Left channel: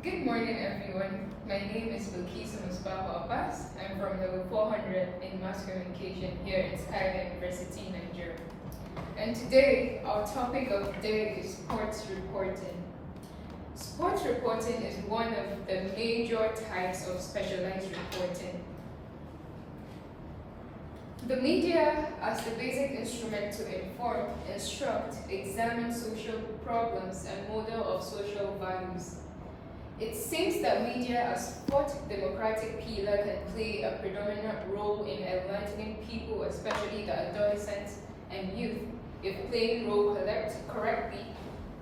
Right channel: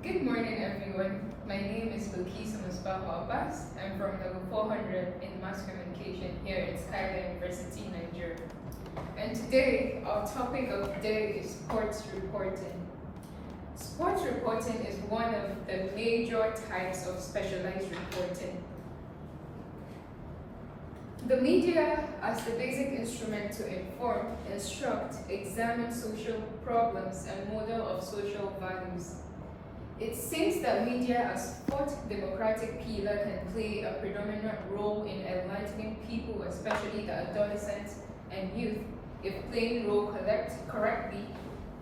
Good morning, everyone. My name is Bilkisu Misbahu. I'm from level 400 in mass communication here at Skyline University, Nigeria. And today, our topic of the day is sports reporting. Sports reporting is one of the major types of specialized reporting. The media, as the basic instrument to inform, instruct, examine social problems, and model of social values. It seems that media as fourth democratic pillar can play a predominant role in enlightening people, especially the adolescents and youth. If playing role correctly,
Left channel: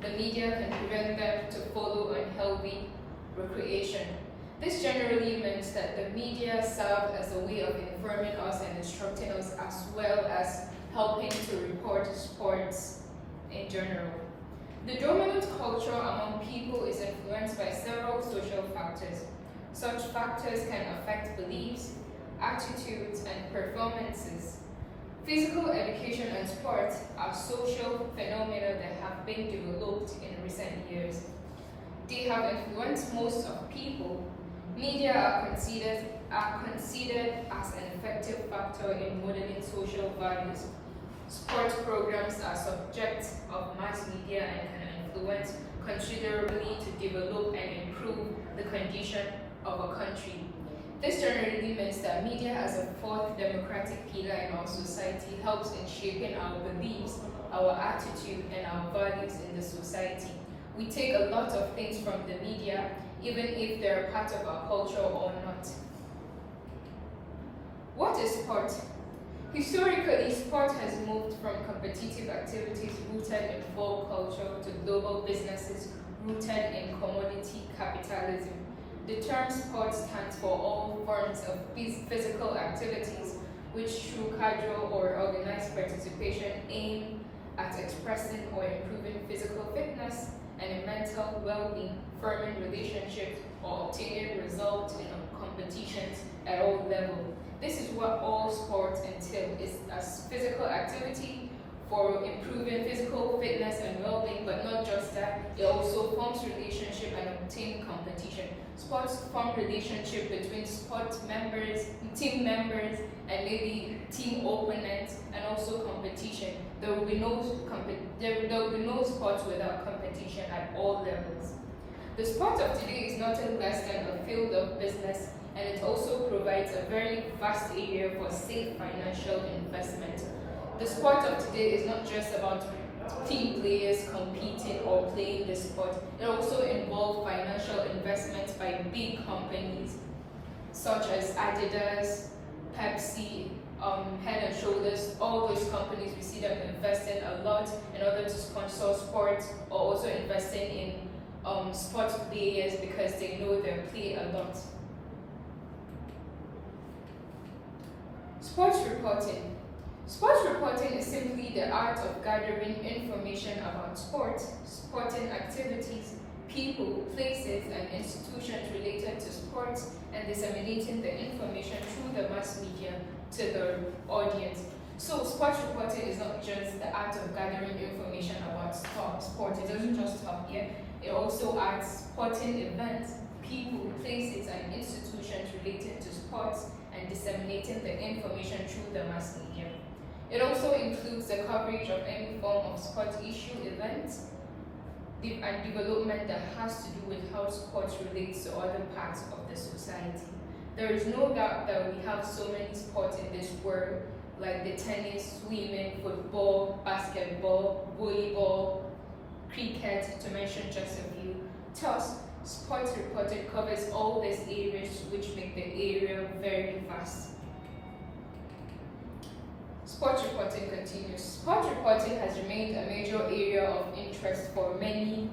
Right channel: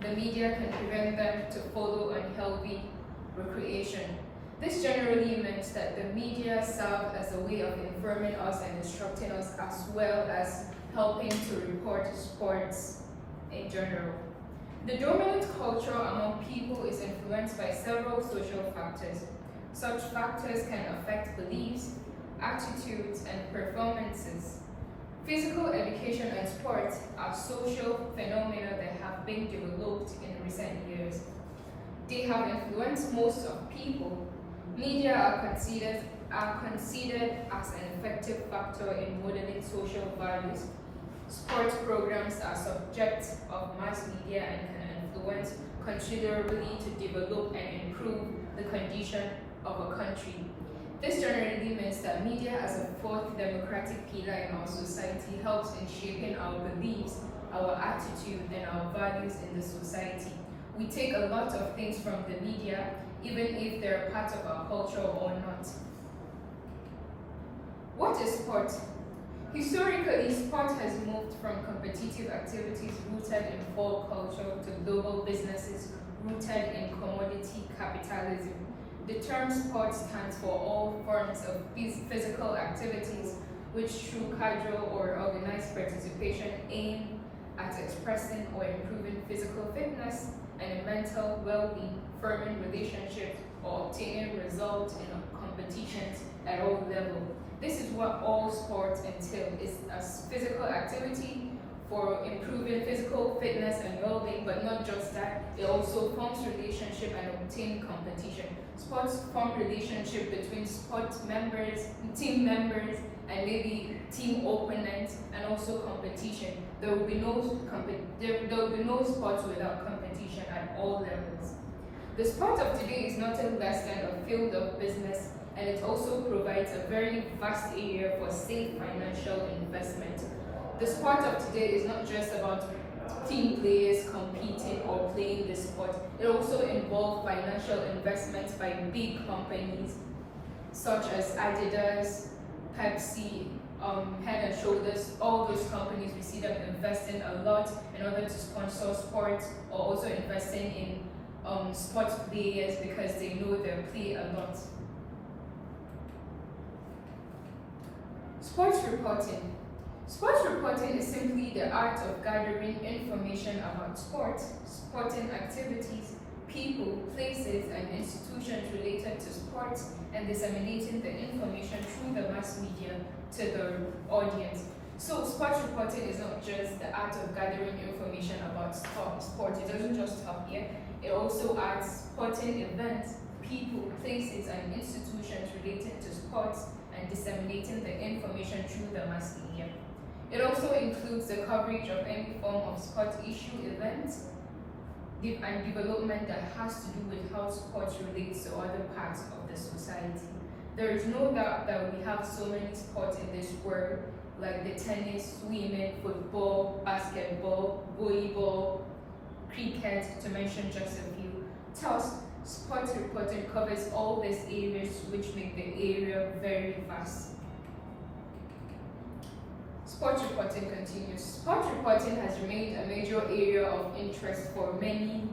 the media can prevent them to follow unhealthy recreation. This generally meant that the media served as a way of informing us and instructing us, as well as helping to report sports in general. The dominant culture among people is influenced by several social factors. Such factors can affect beliefs, attitudes, and performances. Physical education and sports are social phenomena that have been developed in recent years. They have influenced most of people. Media are considered as an effective factor in modeling social values. Sports programs are subjects of mass media and can influence considerably to develop and improve the condition of a country. This generally means that media as a fourth democratic pillar in our society helps in shaping our beliefs, our attitude, and our values in the society. We take a lot of things from the media, even if they're part of our culture or not. What is sport? Historically, sport has moved from competitive activities rooted in folk culture to global businesses rooted in commodity capitalism. The term sport stands for all forms of physical activities which through casual or organized participation aim at expressing or improving physical fitness and mental well-being, forming relationships, or obtaining results in competitions at all levels. This is what all sports entail, is as physical activity for improving physical fitness and well-being, but not just that, it also forms relationship and obtaining competition. Sports form relationship between sport members, team members, and maybe team opponents, and also competition. There will be no sports without competition at all levels. The sport of today is nothing less than a field of business, and it also provides a very vast area for safe financial investment. The sport of today is not just about team players competing or playing the sport. It also involves financial investments by big companies such as Adidas, Pepsi, Head and Shoulders. All those companies, we see them investing a lot in order to sponsor sports, or also investing in sports players because they know they play a lot. Sports reporting. Sports reporting is simply the art of gathering information about sports, sporting activities, people, places, and institutions related to sports, and disseminating the information through the mass media to the audience. So sports reporting is not just the art of gathering information about sport. It doesn't just stop here. It also adds sporting events, people, places, and institutions related to sports, and disseminating the information through the mass media. It also includes the coverage of any form of sports issue events and development that has to do with how sports relates to other parts of the society. There is no doubt that we have so many sports in this world, like the tennis, swimming, football, basketball, volleyball, cricket, to mention just a few. Thus, sports reporting covers all these areas, which make the area very vast. Sports reporting continues. Sports reporting has remained a major area of interest for many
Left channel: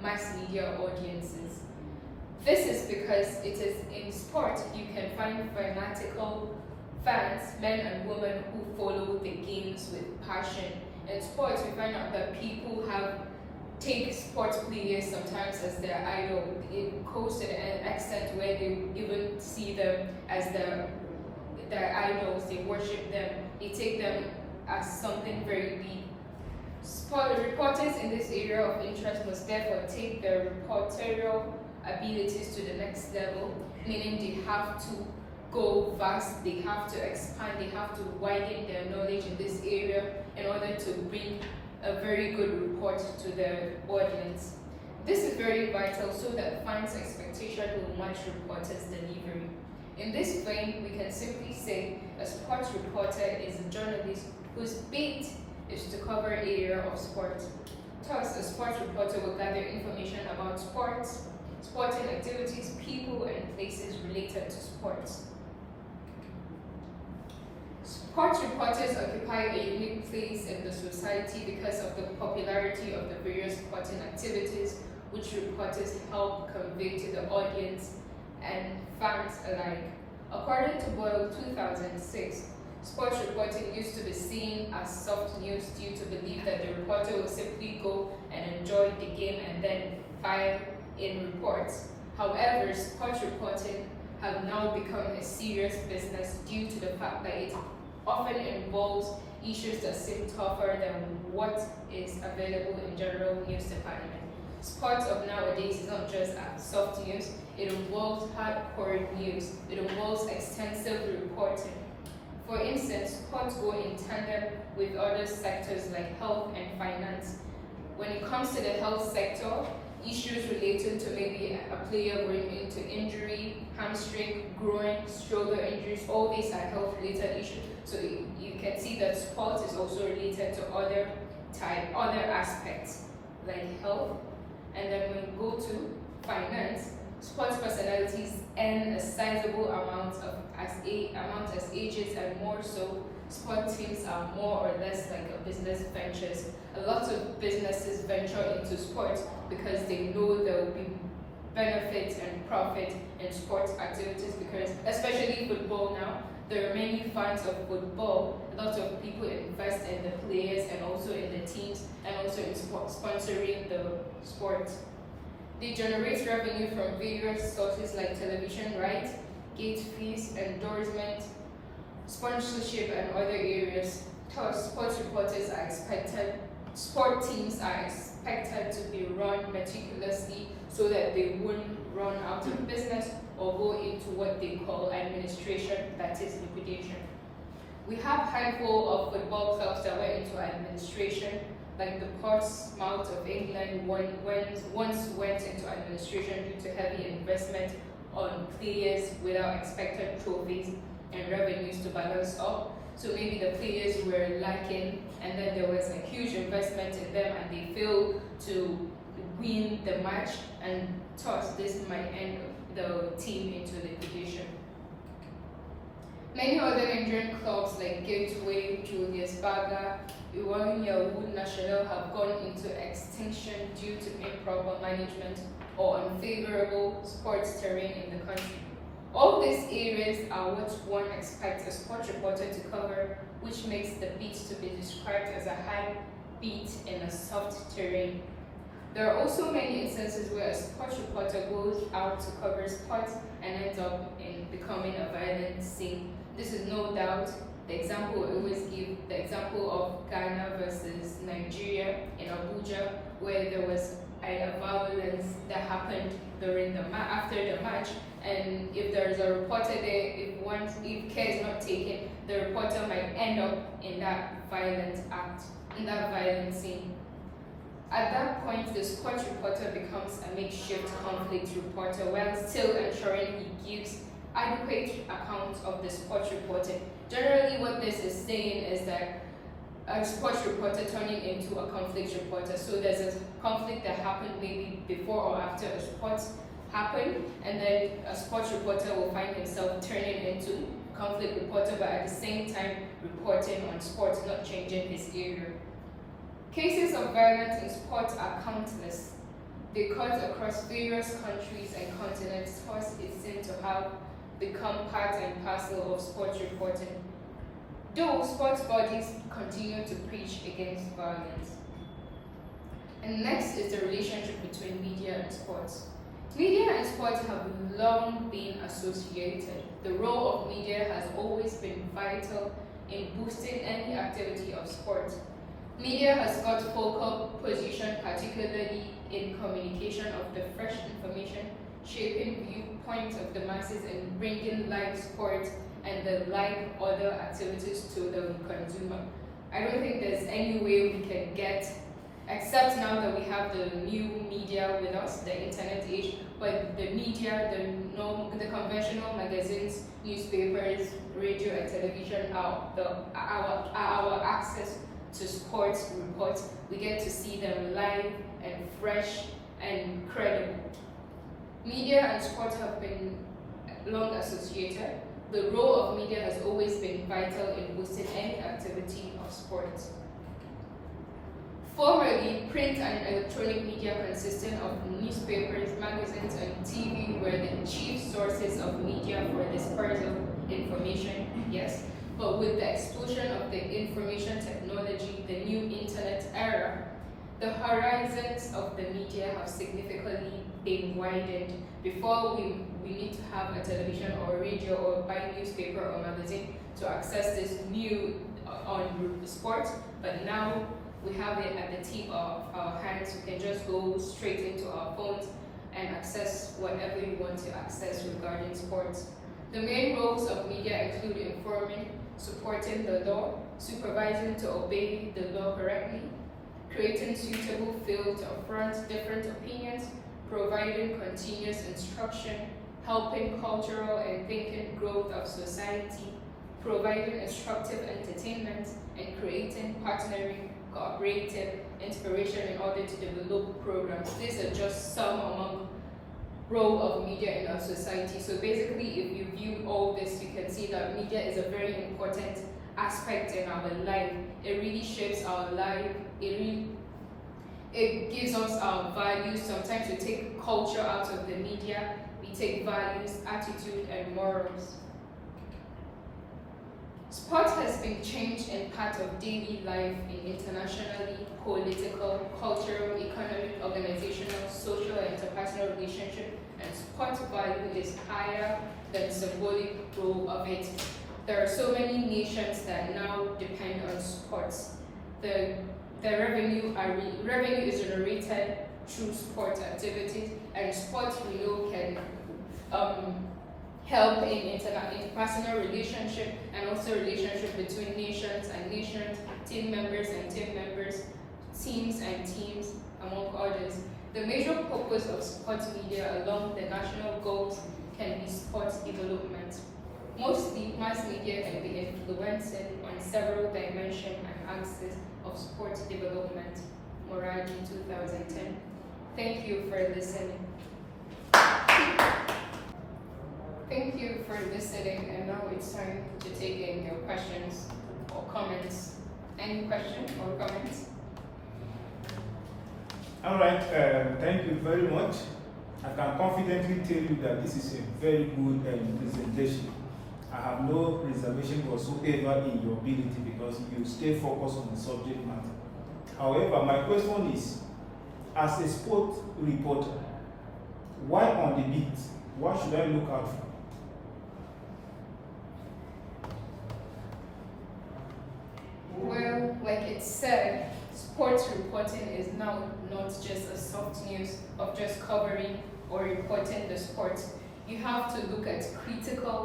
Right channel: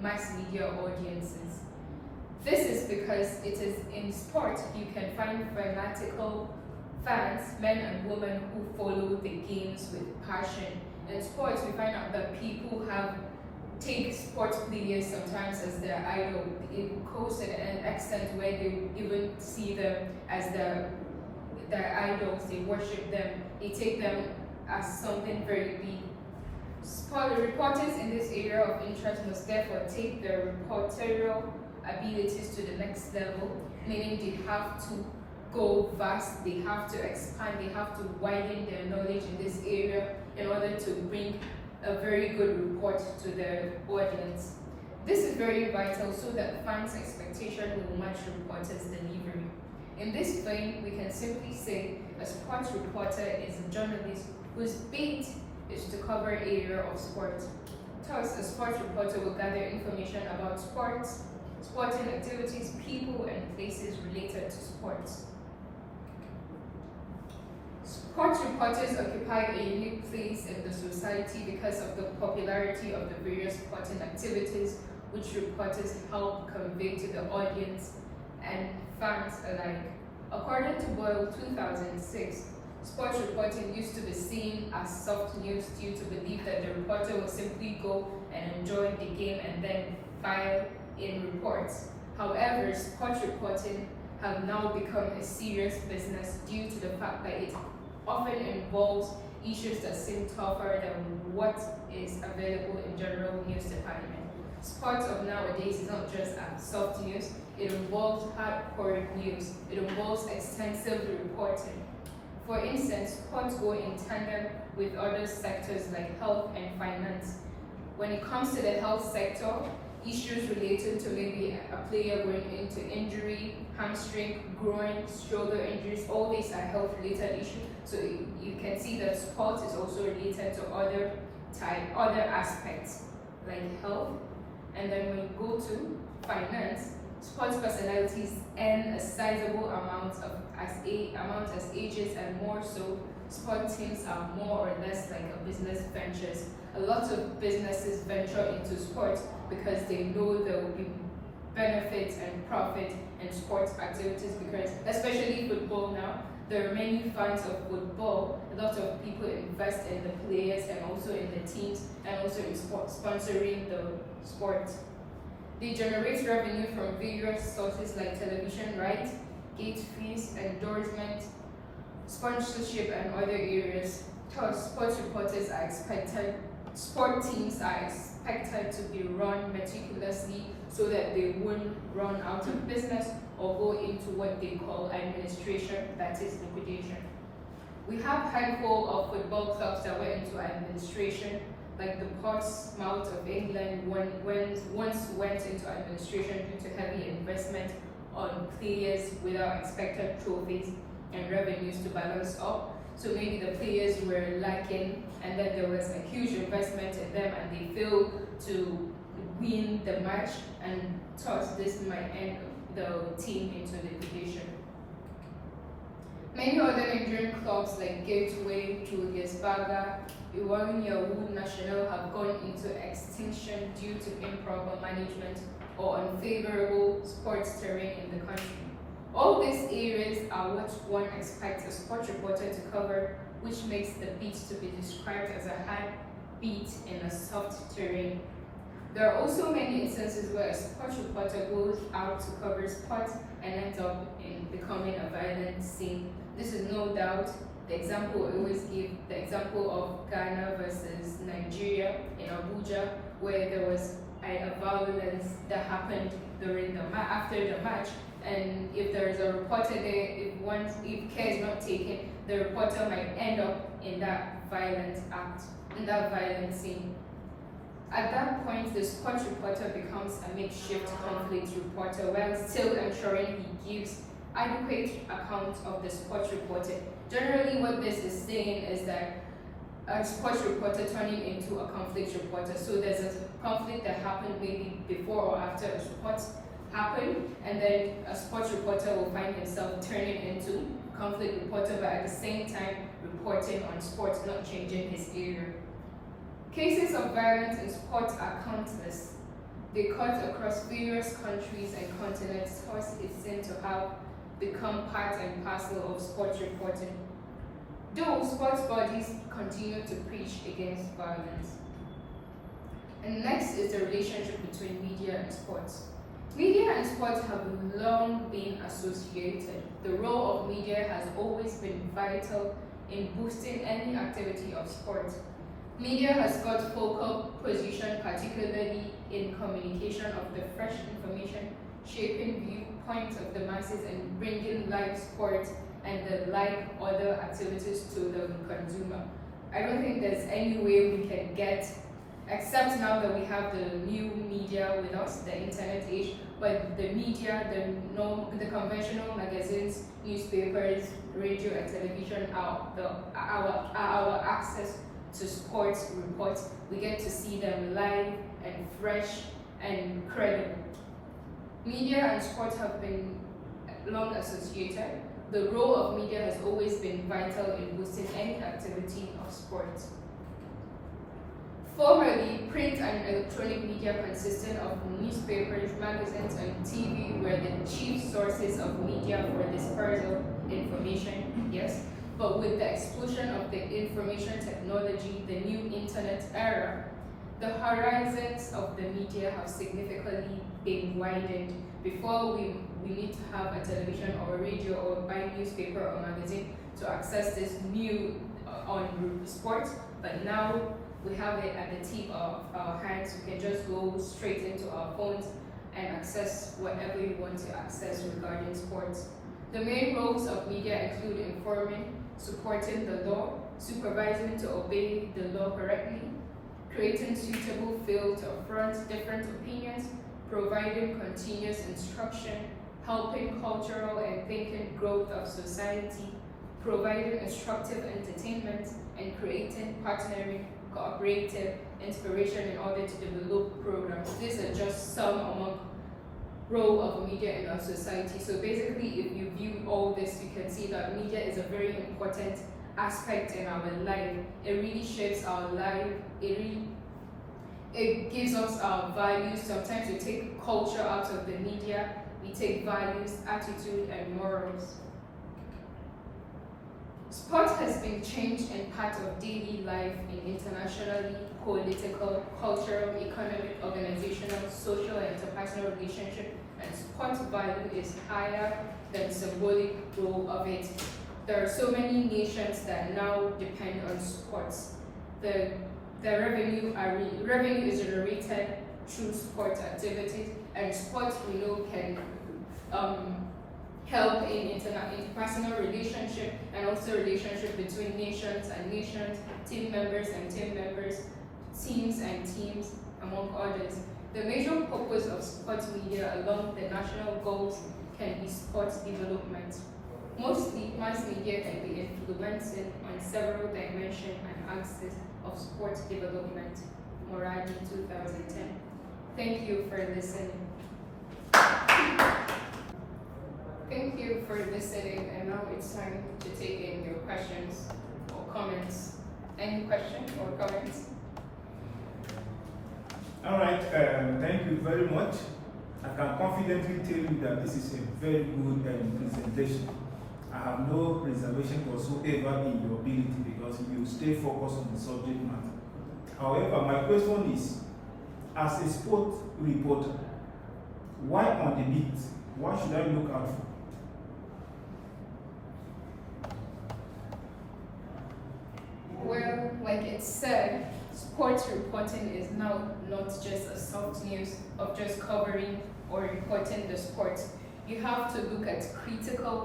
mass media audiences. This is because it is in sport you can find fanatical fans, men and women who follow the games with passion. In sports, we find out that people take sports players sometimes as their idol. It goes to an extent where they even see them as their idols. They worship them. They take them as something very big. The reporters in this area of interest must therefore take their reportorial abilities to the next level, meaning they have to go vast, they have to expand, they have to widen their knowledge in this area in order to bring a very good report to the audience. This is very vital so that fans' expectation will match reporters' delivery. In this vein, we can simply say a sports reporter is a journalist whose beat is to cover area of sport. Thus, a sports reporter will gather information about sports, sporting activities, people, and places related to sports. Sports reporters occupy a unique place in the society because of the popularity of the various sporting activities which reporters help convey to the audience and fans alike. According to Boyle 2006, sports reporting used to be seen as soft news due to belief that the reporter will simply go and enjoy the game and then file in reports. However, sports reporting have now become a serious business due to the fact that it often involves issues that seem tougher than what is available in general news department. Sports of nowadays is not just soft news, it involves hardcore news, it involves extensive reporting. For instance, sports go in tandem with other sectors like health and finance. When it comes to the health sector, issues related to maybe a player going into injury, hamstring, groin, shoulder injuries, all these are health-related issues. So you can see that sports is also related to other aspects like health. And then when you go to finance, sports personalities earn a sizable amount as ages, and more so, sport teams are more or less like a business ventures. A lot of businesses venture into sports because they know there will be benefits and profit in sports activities, because especially football now, there are many fans of football. A lot of people invest in the players and also in the teams and also in sponsoring the sport. They generate revenue from various sources like television rights, gate fees, endorsement, sponsorship, and other areas. Thus, sport teams are expected to be run meticulously so that they won't run out of business or go into what they call administration, that is liquidation. We have a handful of football clubs that went into administration, like the Portsmouth of England once went into administration due to heavy investment on players without expected trophies and revenues to balance up. So maybe the players were lacking, and then there was a huge investment in them and they failed to win the match, and thus this might end the team into liquidation. Many other Nigerian clubs like Gateway, Julius Berger, Iwamiya Wood National have gone into extinction due to improper management or unfavorable sports terrain in the country. All these areas are what one expects a sports reporter to cover, which makes the beat to be described as a hard beat in a soft terrain. There are also many instances where a sports reporter goes out to cover sports and ends up in becoming a violent scene. This is no doubt the example I always give, the example of Ghana versus Nigeria in Abuja, where there was a violence that happened during after the match. And if there is a reporter there, if care is not taken, the reporter might end up in that violent act, in that violent scene. At that point, the sports reporter becomes a makeshift conflict reporter while still ensuring he gives adequate accounts of the sports reported. Generally, what this is saying is that a sports reporter turning into a conflict reporter. So there's a conflict that happened maybe before or after a sport happened, and then a sports reporter will find himself turning into conflict reporter, but at the same time reporting on sports, not changing his area. Cases of violence in sports are countless. They cut across various countries and continents, thus it seems to have become part and parcel of sports reporting. Though sports bodies continue to preach against violence. And next is the relationship between media and sports. Media and sports have long been associated. The role of media has always been vital in boosting any activity of sport. Media has got focal position, particularly in communication of the fresh information shaping viewpoints of the masses and bringing live sport and the like other activities to the consumer. I don't think there's any way we can get, except now that we have the new media with us, the internet age, but the media, the conventional magazines, newspapers, radio and television are our access to sports reports. We get to see them live and fresh and credible. Media and sports have been long associated. The role of media has always been vital in boosting any activity of sports. Formerly, print and electronic media consisted of newspapers, magazines, and TV were the chief sources of media for dispersal information, yes. But with the explosion of the information technology, the new internet era, the horizons of the media have significantly been widened. Before we need to have a television or radio or buy newspaper or magazine to access this new on sport, but now we have it at the tip of our hands. We can just go straight into our phones and access whatever you want to access regarding sports. The main roles of media include informing, supporting the law, supervising to obey the law correctly, creating suitable field to affront different opinions, providing continuous instruction, helping cultural and thinking growth of society, providing instructive entertainment, and creating partnering, cooperative inspiration in order to develop programs. These are just some among role of media in our society. So basically, if you view all this, you can see that media is a very important aspect in our life. It really shapes our life. It gives us our values. Sometimes we take culture out of the media. We take values, attitude, and morals. Sport has been changed in part of daily life in internationally, political, cultural, economic, organizational, social, and interpersonal relationship, and sport value is higher than symbolic role of it. There are so many nations that now depend on sports. The revenue is generated through sports activities, and sports we know can help in interpersonal relationship and also relationship between nations and nations, team members and team members, teams and teams, among others. The major purpose of sports media along the national goals can be sports development. Mostly, mass media can be influencing on several dimensions and axes of sports development. Moradi 2010. Thank you for listening. Thank you for listening, and now it's time to take in your questions or comments. Any questions or comments? All right, thank you very much. I can confidently tell you that this is a very good presentation. I have no reservation whatsoever in your ability because you stay focused on the subject matter. However, my question is, as a sport reporter, why on the beat? What should I look out for? Well, like it said, sports reporting is now not just a soft news of just covering or reporting the sports. You have to look at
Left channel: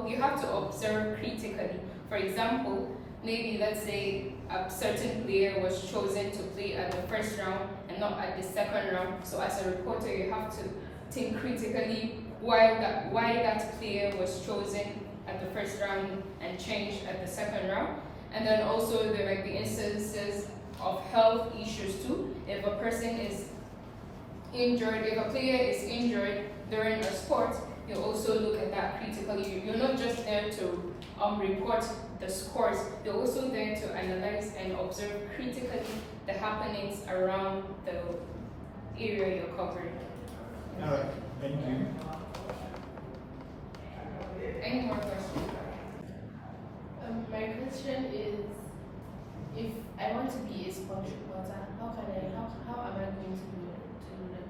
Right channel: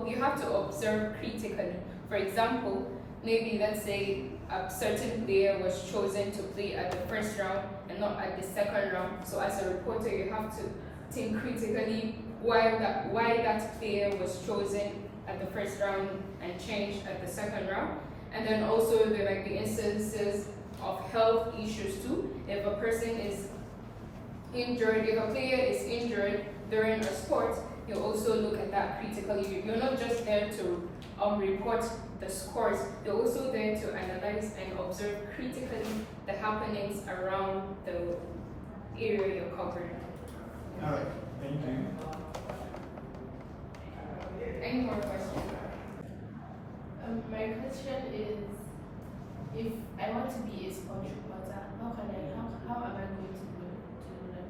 you have to observe critically. For example, maybe let's say a certain player was chosen to play at the first round and not at the second round. So as a reporter, you have to think critically why that player was chosen at the first round and changed at the second round. And then also there might be instances of health issues too. If a person is injured, if a player is injured during a sport, you also look at that critically. You're not just there to report the scores, you're also there to analyze and observe critically the happenings around the area you're covering. All right, thank you. Any more questions? My question is, if I want to be a sport reporter, how am I going to do that?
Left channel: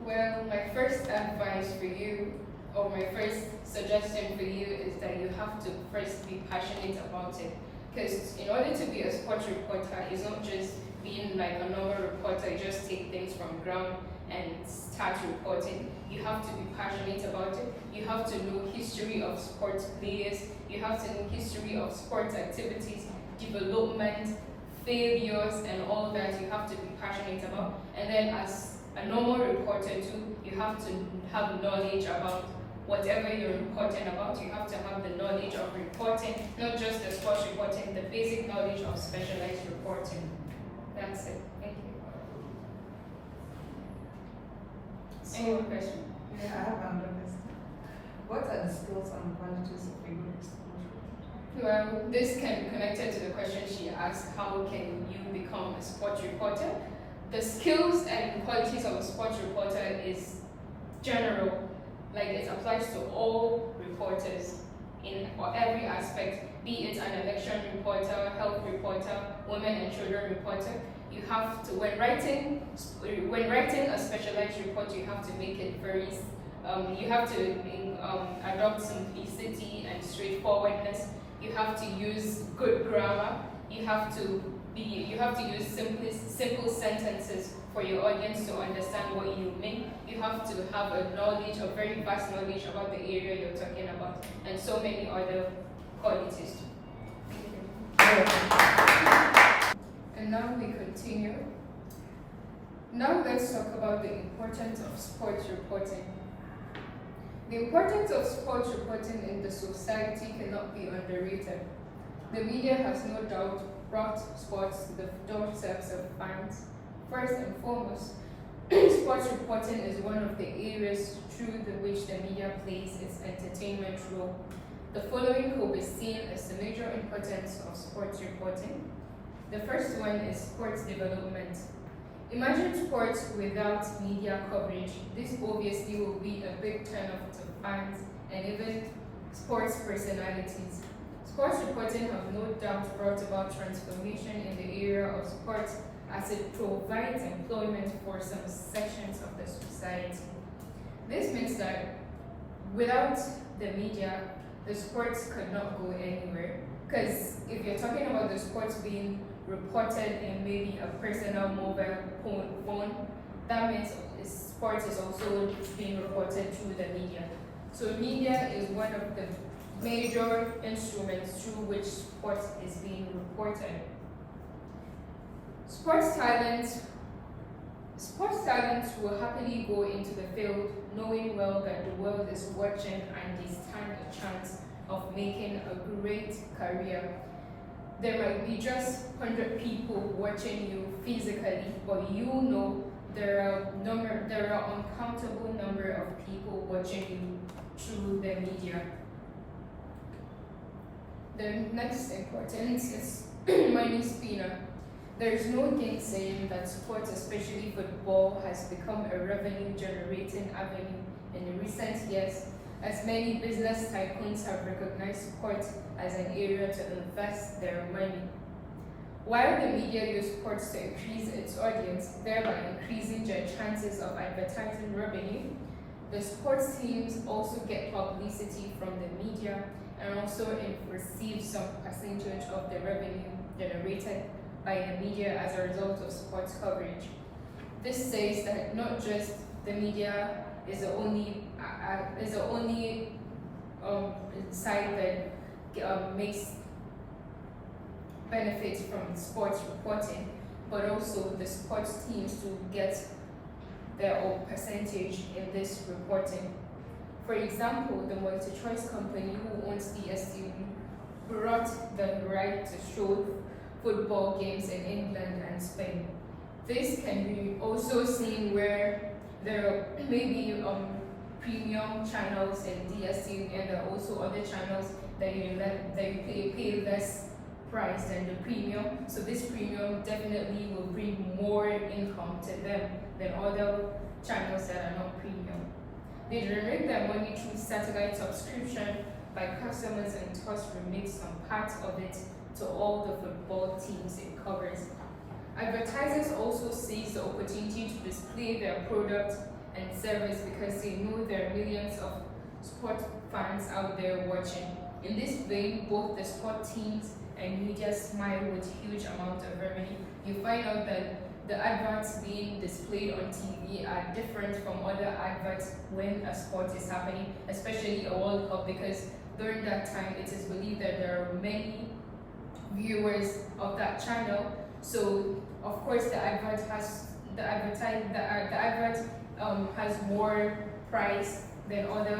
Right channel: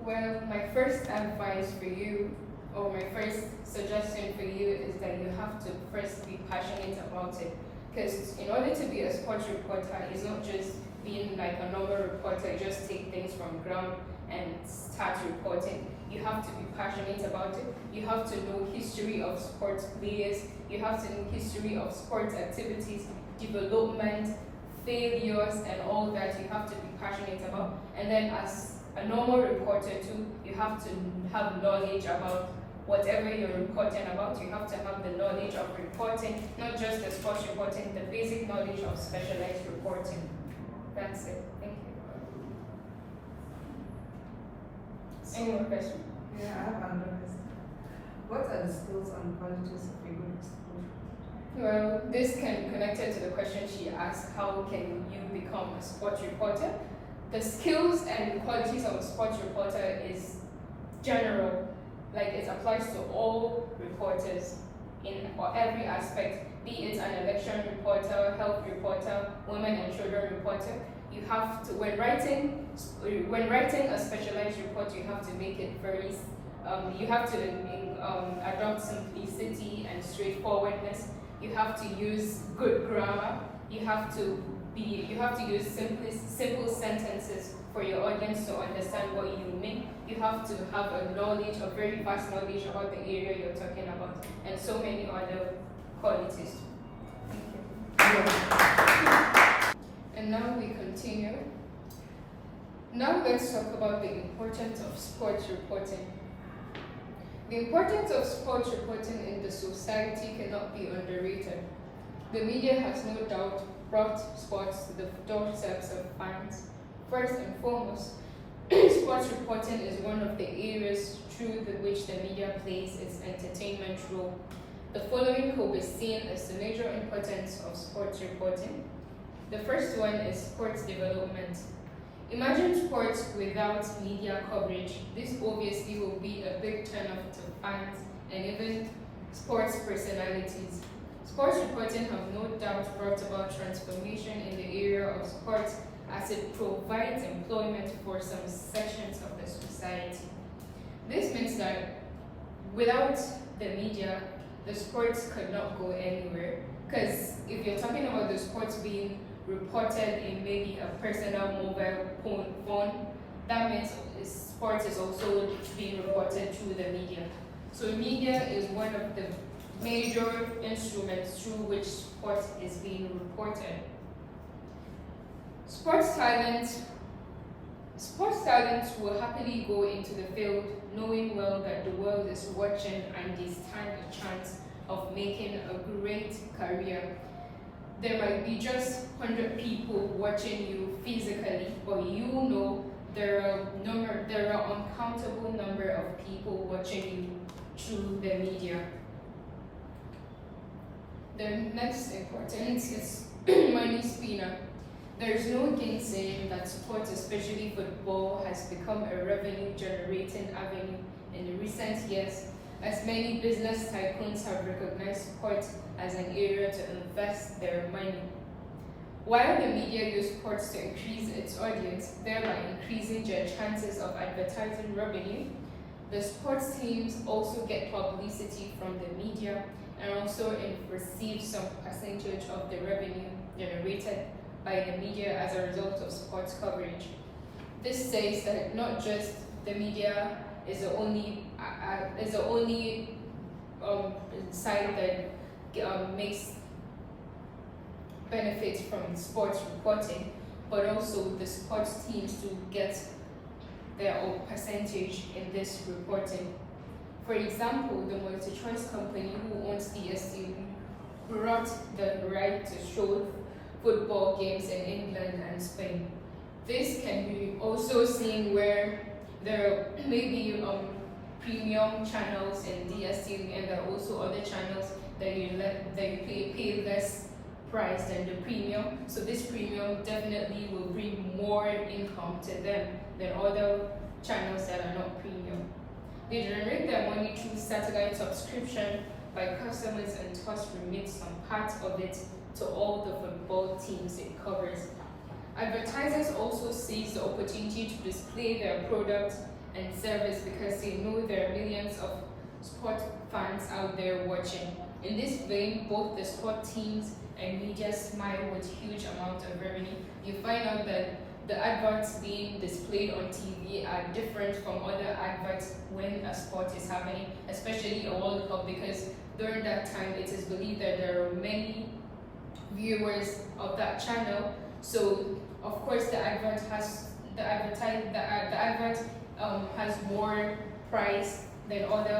Well, my first advice for you, or my first suggestion for you, is that you have to first be passionate about it. Because in order to be a sports reporter, it's not just being like a normal reporter, you just take things from ground. and start reporting. You have to be passionate about it. You have to know history of sports players. You have to know history of sports activities, development, failures, and all that. You have to be passionate about. And then as a normal reporter too, you have to have knowledge about whatever you're reporting about. You have to have the knowledge of reporting, not just the sports reporting, the basic knowledge of specialized reporting. That's it. Thank you. Any more questions? Yeah, I have another question. What are the skills and qualities of a good exposure? Well, this can be connected to the question she asked, how can you become a sports reporter? The skills and qualities of a sports reporter is general, like it applies to all reporters in every aspect, be it an election reporter, health reporter, women and children reporter. You have to, when writing a specialized report, you have to make it very, you have to adopt simplicity and straightforwardness. You have to use good grammar. You have to use simple sentences for your audience to understand what you mean. You have to have a very vast knowledge about the area you're talking about, and so many other qualities. Thank you. And now we continue. Now let's talk about the importance of sports reporting. The importance of sports reporting in the society cannot be underrated. The media has no doubt brought sports to the doorsteps of fans. First and foremost, sports reporting is one of the areas through which the media plays its entertainment role. The following could be seen as the major importance of sports reporting. The first one is sports development. Imagine sports without media coverage. This obviously will be a big turn-off to fans and even sports personalities. Sports reporting have no doubt brought about transformation in the area of sports as it provides employment for some sections of the society. This means that without the media, the sports could not go anywhere. Because if you're talking about the sports being reported in maybe a personal mobile phone, that means sports is also being reported through the media. So media is one of the major instruments through which sports is being reported. Sports talents will happily go into the field knowing well that the world is watching and they stand a chance of making a great career. There might be just 100 people watching you physically, but you know there are uncountable number of people watching you through the media. The next importance is money spinner. There is no gainsaying that sports, especially football, has become a revenue-generating avenue in recent years, as many business tycoons have recognized sports as an area to invest their money. While the media use sports to increase its audience, thereby increasing their chances of advertising revenue, the sports teams also get publicity from the media and also receive some percentage of the revenue generated by the media as a result of sports coverage. This says that not just the media is the only side that makes benefits from sports reporting, but also the sports teams to get their own percentage in this reporting. For example, the multi-choice company who owns DSTV brought the right to show football games in England and Spain. This can be also seen where there may be premium channels in DSTV, and there are also other channels that you pay less price than the premium. So this premium definitely will bring more income to them than other channels that are not premium. They generate their money through satellite subscription by customers and thus remit some part of it to all the football teams it covers. Advertisers also seize the opportunity to display their product and service because they know there are millions of sport fans out there watching. In this vein, both the sport teams and media smile with huge amount of revenue. You find out that the adverts being displayed on TV are different from other adverts when a sport is happening, especially a World Cup, because during that time it is believed that there are many viewers of that channel. So of course the advert has has more price than other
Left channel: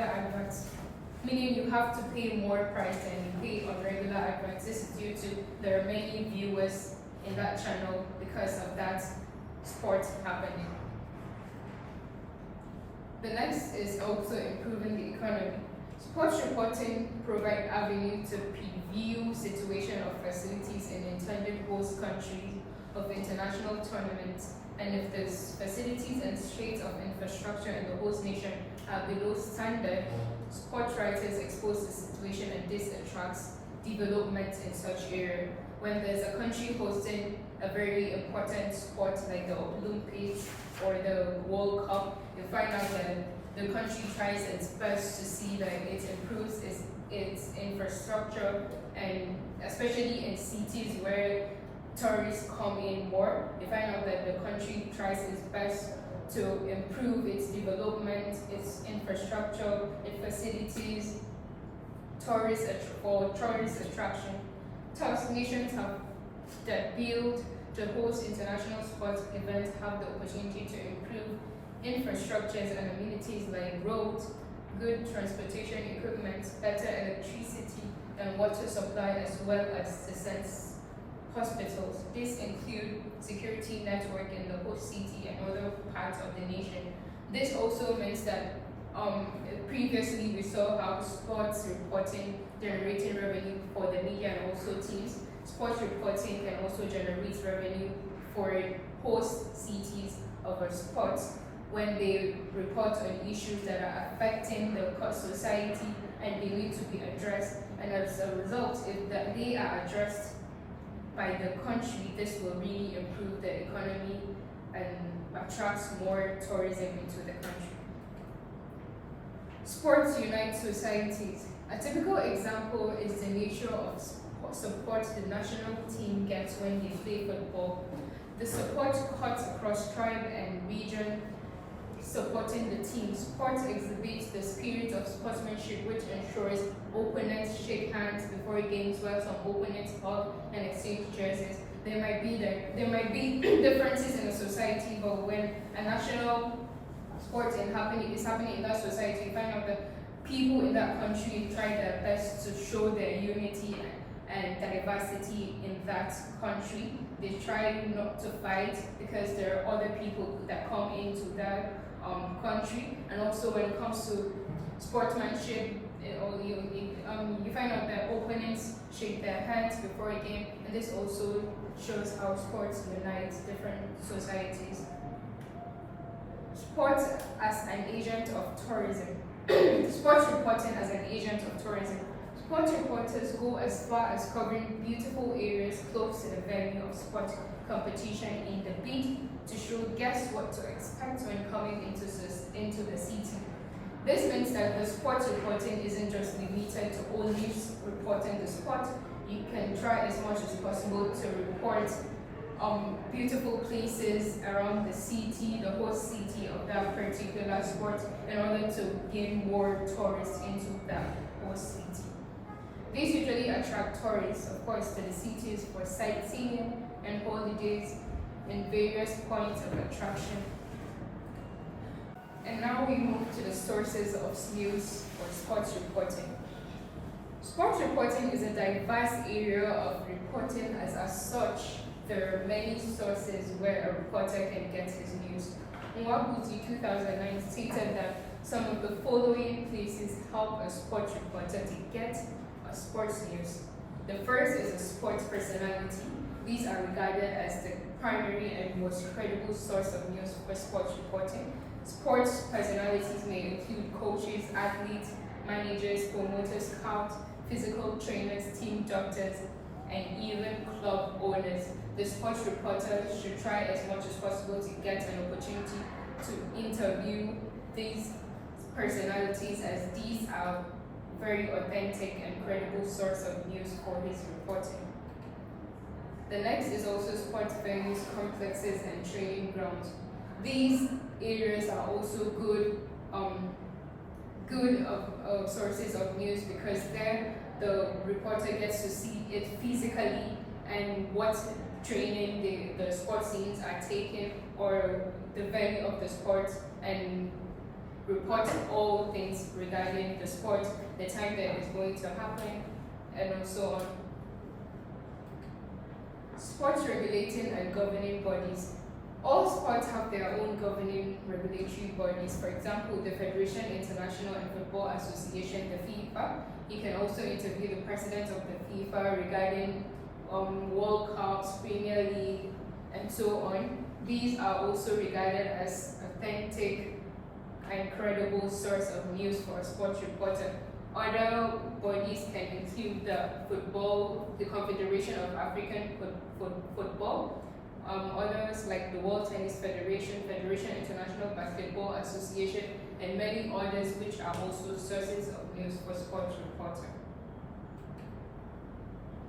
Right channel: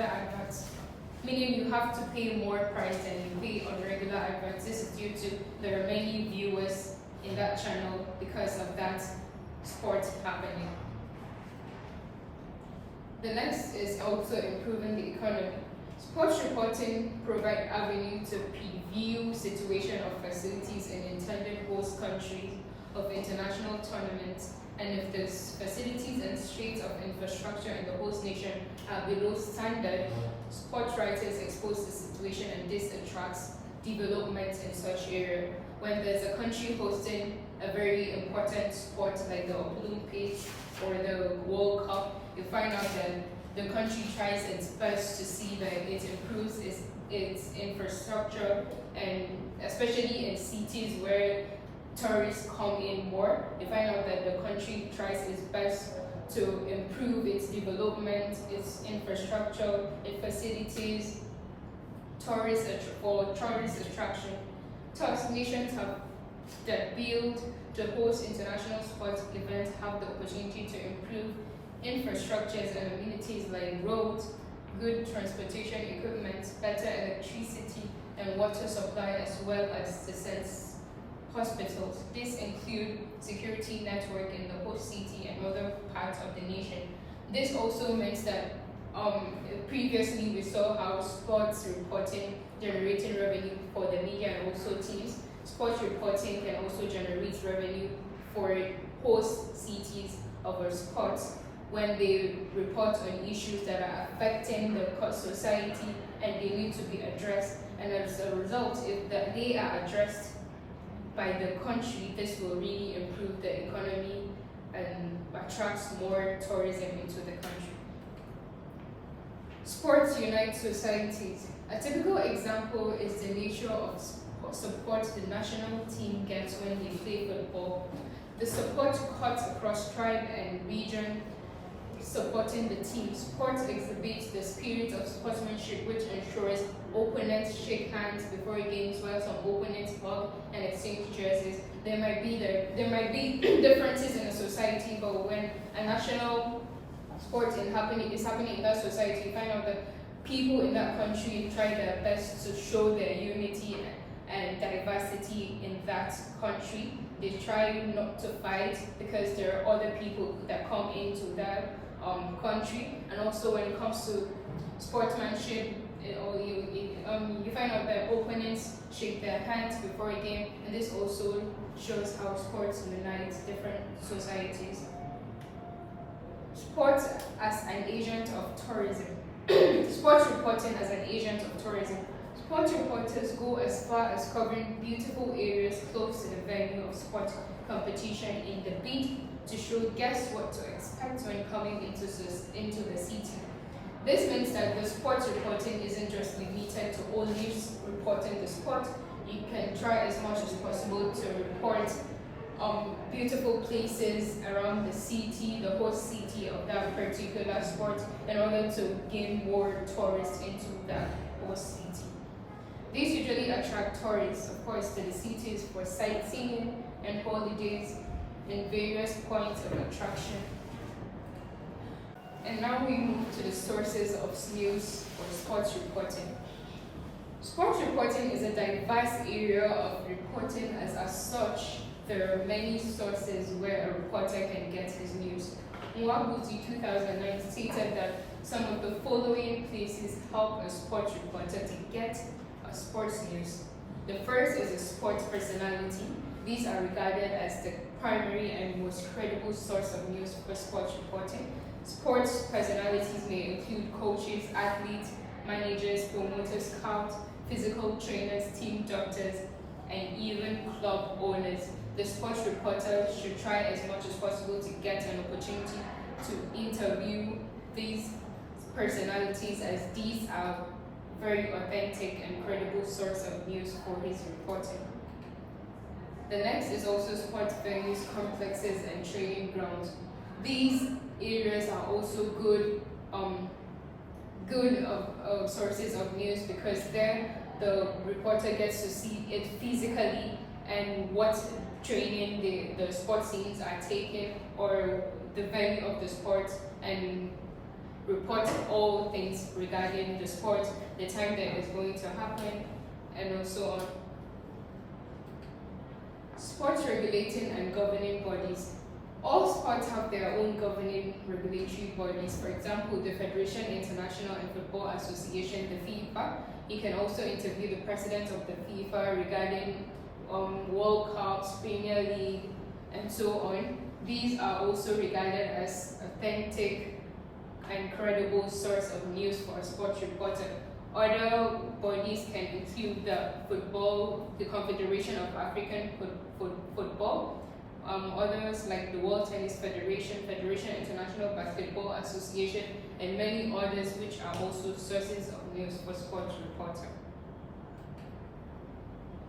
adverts. Meaning you have to pay more price than you pay on regular adverts. This is due to there are many viewers in that channel because of that sport happening. The next is also improving the economy. Sports reporting provide avenue to preview situation of facilities in intended host countries of international tournaments, and if the facilities and states of infrastructure in the host nation are below standard, sport writers expose the situation, and this attracts development in such area. When there's a country hosting a very important sport like the Olympics or the World Cup, you find out that the country tries its best to see that it improves its infrastructure, and especially in cities where tourists come in more, you find out that the country tries its best to improve its development, its infrastructure, its facilities, tourist attraction. Thus, nations that build to host international sports events have the opportunity to improve infrastructures and amenities like roads, good transportation equipment, better electricity and water supply, as well as the hospitals. These include security network in the host city and other parts of the nation. This also means that previously we saw how sports reporting generating revenue for the media and also teams. Sports reporting can also generate revenue for host cities of a sport when they report on issues that are affecting the society and they need to be addressed. And as a result, if they are addressed by the country, this will really improve the economy and attracts more tourism into the country. Sports unite societies. A typical example is the nature of support the national team gets when they play football. The support cuts across tribe and region supporting the team. Sports exhibits the spirit of sportsmanship, which ensures opponents shake hands before games, while some opponents hug and exchange jerseys. There might be differences in a society, but when a national sport is happening in that society, you find out that people in that country try their best to show their unity and diversity in that country. They try not to fight because there are other people that come into that country. And also when it comes to sportsmanship, you find out that opponents shake their hands before a game, and this also shows how sports unites different societies. Sports as an agent of tourism. Sports reporting as an agent of tourism. Sports reporters go as far as covering beautiful areas close to the venue of sport competition in the bid to show guests what to expect when coming into the city. This means that the sports reporting isn't just limited to only reporting the sport. You can try as much as possible to report beautiful places around the city, the host city of that particular sport, in order to gain more tourists into that host city. These usually attract tourists, of course, to the cities for sightseeing and holidays in various points of attraction. And now we move to the sources of news for sports reporting. Sports reporting is a diverse area of reporting. As such, there are many sources where a reporter can get his news. Nwabuzi 2009 stated that some of the following places help a sports reporter to get a sports news. The first is a sports personality. These are regarded as the primary and most credible source of news for sports reporting. Sports personalities may include coaches, athletes, managers, promoters, scouts, physical trainers, team doctors, and even club owners. The sports reporter should try as much as possible to get an opportunity to interview these personalities, as these are very authentic and credible source of news for his reporting. The next is also sports venues complexes, and training grounds. These areas are also good sources of news because there the reporter gets to see it physically and what training the sports teams are taking or the venue of the sport, and report all things regarding the sport, the time that it's going to happen, and so on. Sports regulating and governing bodies. All sports have their own governing regulatory bodies. For example, the Federation International and Football Association, the FIFA. You can also interview the president of the FIFA regarding World Cups, Premier League, and so on. These are also regarded as authentic and credible source of news for a sports reporter. Other bodies can include the Confederation of African Football, others like the World Tennis Federation, Federation International Basketball Association, and many others which are also sources of news for sports reporter.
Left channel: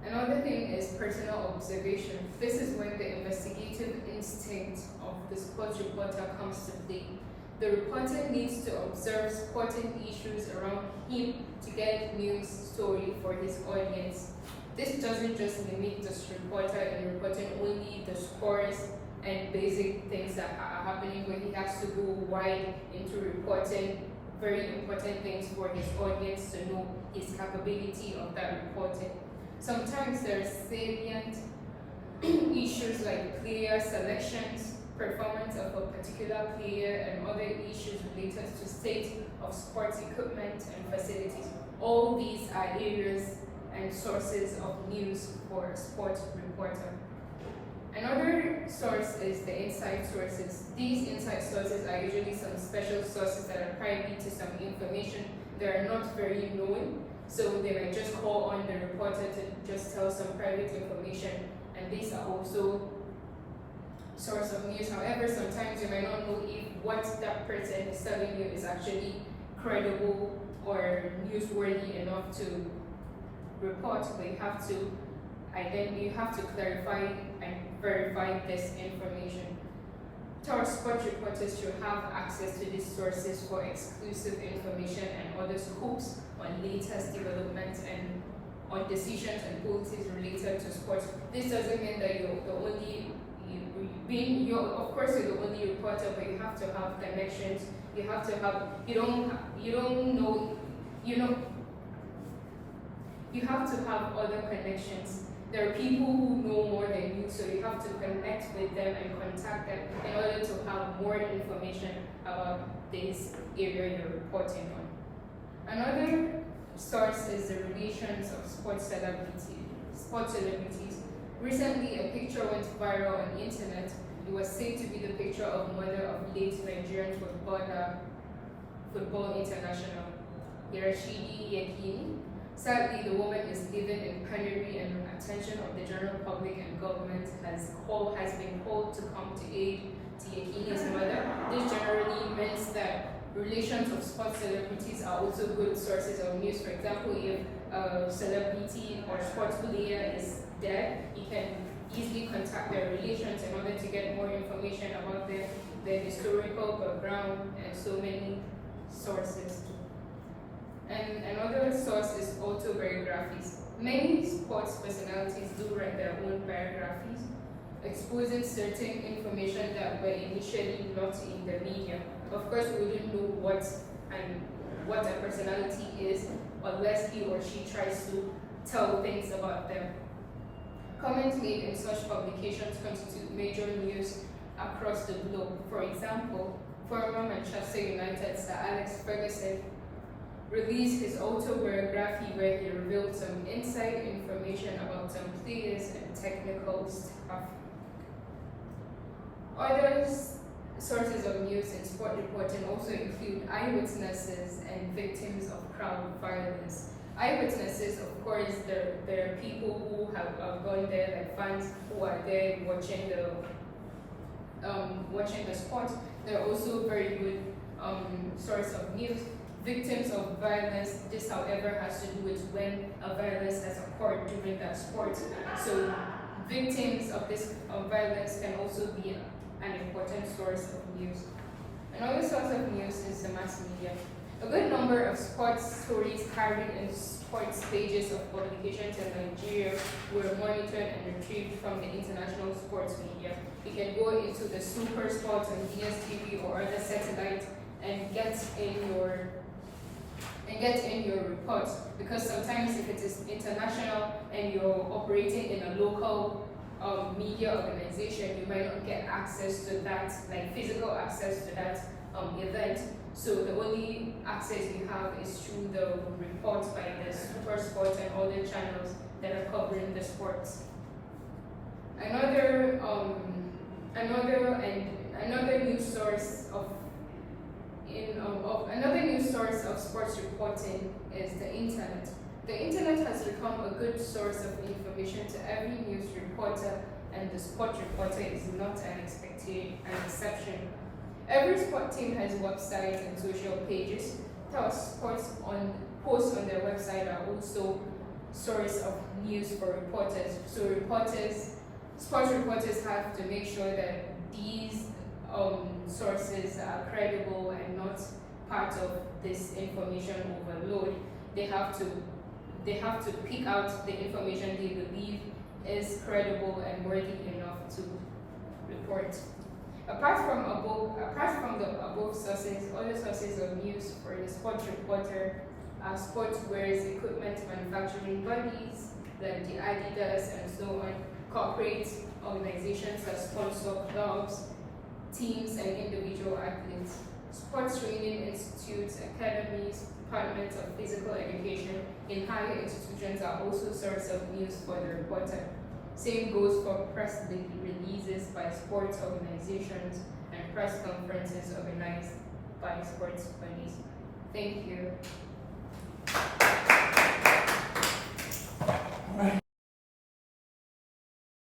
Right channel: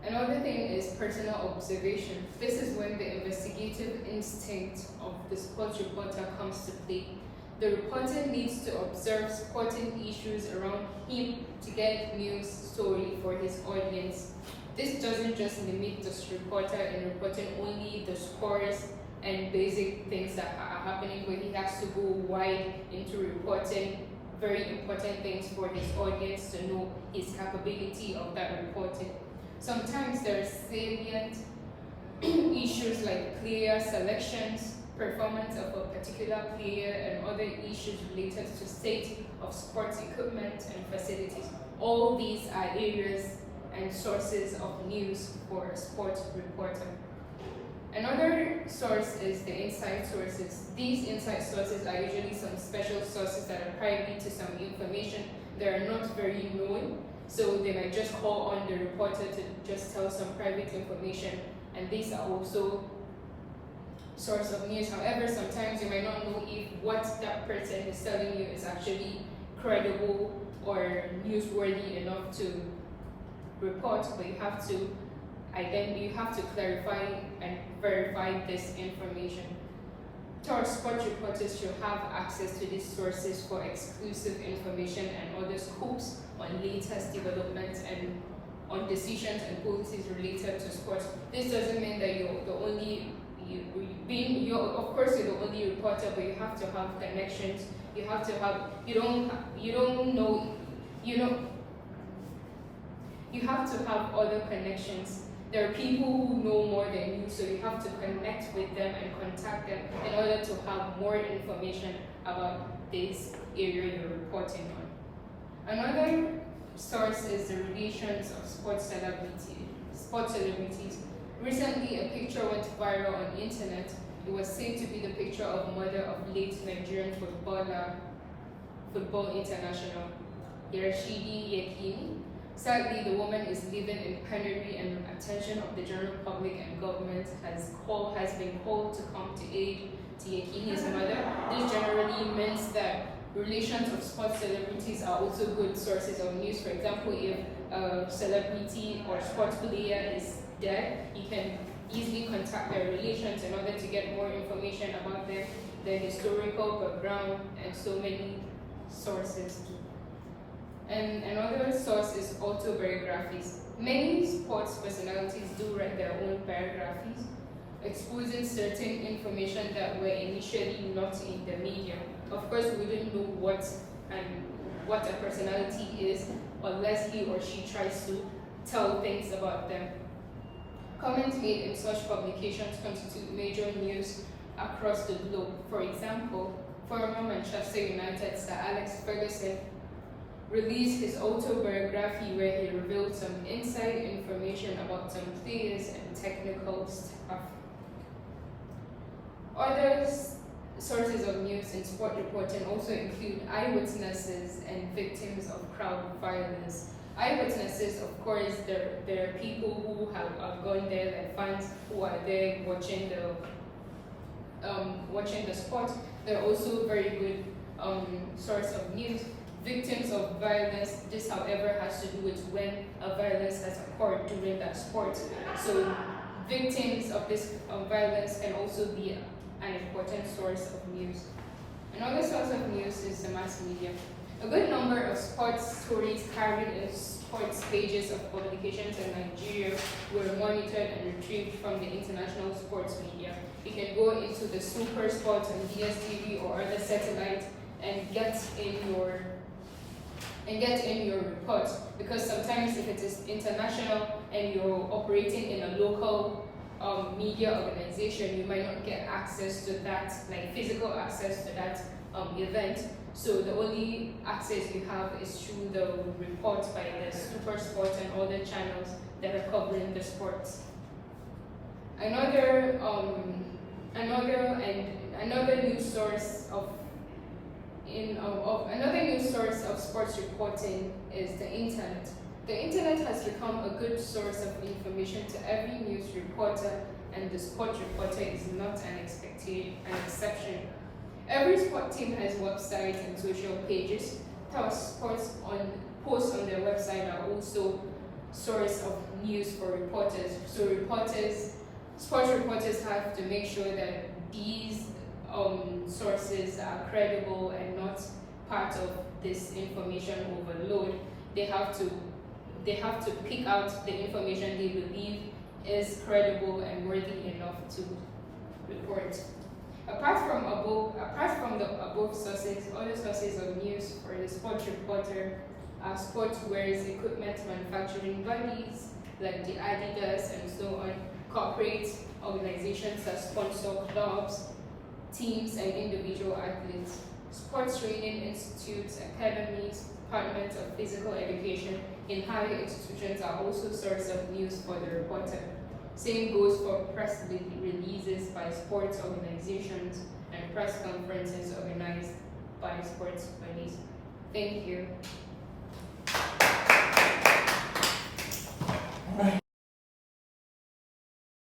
Another thing is personal observation. This is when the investigative instinct of the sports reporter comes to play. The reporter needs to observe sporting issues around him to get news story for his audience. This doesn't just limit the reporter in reporting only the scores and basic things that are happening, but he has to go wide into reporting very important things for his audience to know his capability of that reporting. Sometimes there are salient issues like player selections, performance of a particular player, and other issues related to state of sports equipment and facilities. All these are areas and sources of news for a sports reporter. Another source is the inside sources. These inside sources are usually some special sources that are privy to some information that are not very known. So they might just call on the reporter to just tell some private information, and these are also source of news. However, sometimes you might not know if what that person is telling you is actually credible or newsworthy enough to report, but you have to clarify and verify this information. Third, sports reporters should have access to these sources for exclusive information and other scoops on latest developments and on decisions and policies related to sports. This doesn't mean that you're the only of course you're the only reporter, but you have to have connections. You have to have you have to have other connections. There are people who know more than you, so you have to connect with them and contact them in order to have more information about this area you're reporting on. Another source is the relations of sports celebrities. Recently, a picture went viral on the internet. It was said to be the picture of mother of late Nigerian football international, Rashidi Yekini. Sadly, the woman is living in penury, and the attention of the general public and government has been called to come to aid to Yekini's mother. This generally means that relations of sports celebrities are also good sources of news. For example, if a celebrity or sports player is dead, you can easily contact their relations in order to get more information about them, their historical background, and so many sources. And another source is autobiographies. Many sports personalities do write their own biographies, exposing certain information that were initially not in the media. Of course, we wouldn't know what a personality is unless he or she tries to tell things about them. Comments made in such publications constitute major news across the globe. For example, former Manchester United Sir Alex Ferguson released his autobiography where he revealed some inside information about some players and technical staff. Other sources of news in sport reporting also include eyewitnesses and victims of crowd violence. Eyewitnesses, of course, there are people who have gone there, like fans who are there watching the sport. They're also a very good source of news. Victims of violence, this however has to do with when a violence has occurred during that sport. So victims of this violence can also be an important source of news. Another source of news is the mass media. A good number of sports stories carried in sports pages of publications in Nigeria were monitored and retrieved from the international sports media. You can go into the Super Sports on DSTV or other satellite and get in your reports, because sometimes if it is international and you're operating in a local media organization, you might not get access to that, like physical access to that event. So the only access you have is through the reports by the Super Sports and other channels that are covering the sports. Another news source of sports reporting is the internet. The internet has become a good source of information to every news reporter, and the sports reporter is not an exception. Every sport team has websites and social pages. Thus, posts on their website are also source of news for reporters. So sports reporters have to make sure that these sources are credible and not part of this information overload. They have to pick out the information they believe is credible and worthy enough to report. Apart from the above sources, other sources of news for the sports reporter are sports wears, equipment manufacturing bodies like the Adidas and so on, corporate organizations that sponsor clubs, teams, and individual athletes. Sports training institutes, academies, departments of physical education in higher institutions are also source of news for the reporter. Same goes for press releases by sports organizations and press conferences organized by sports bodies. Thank you.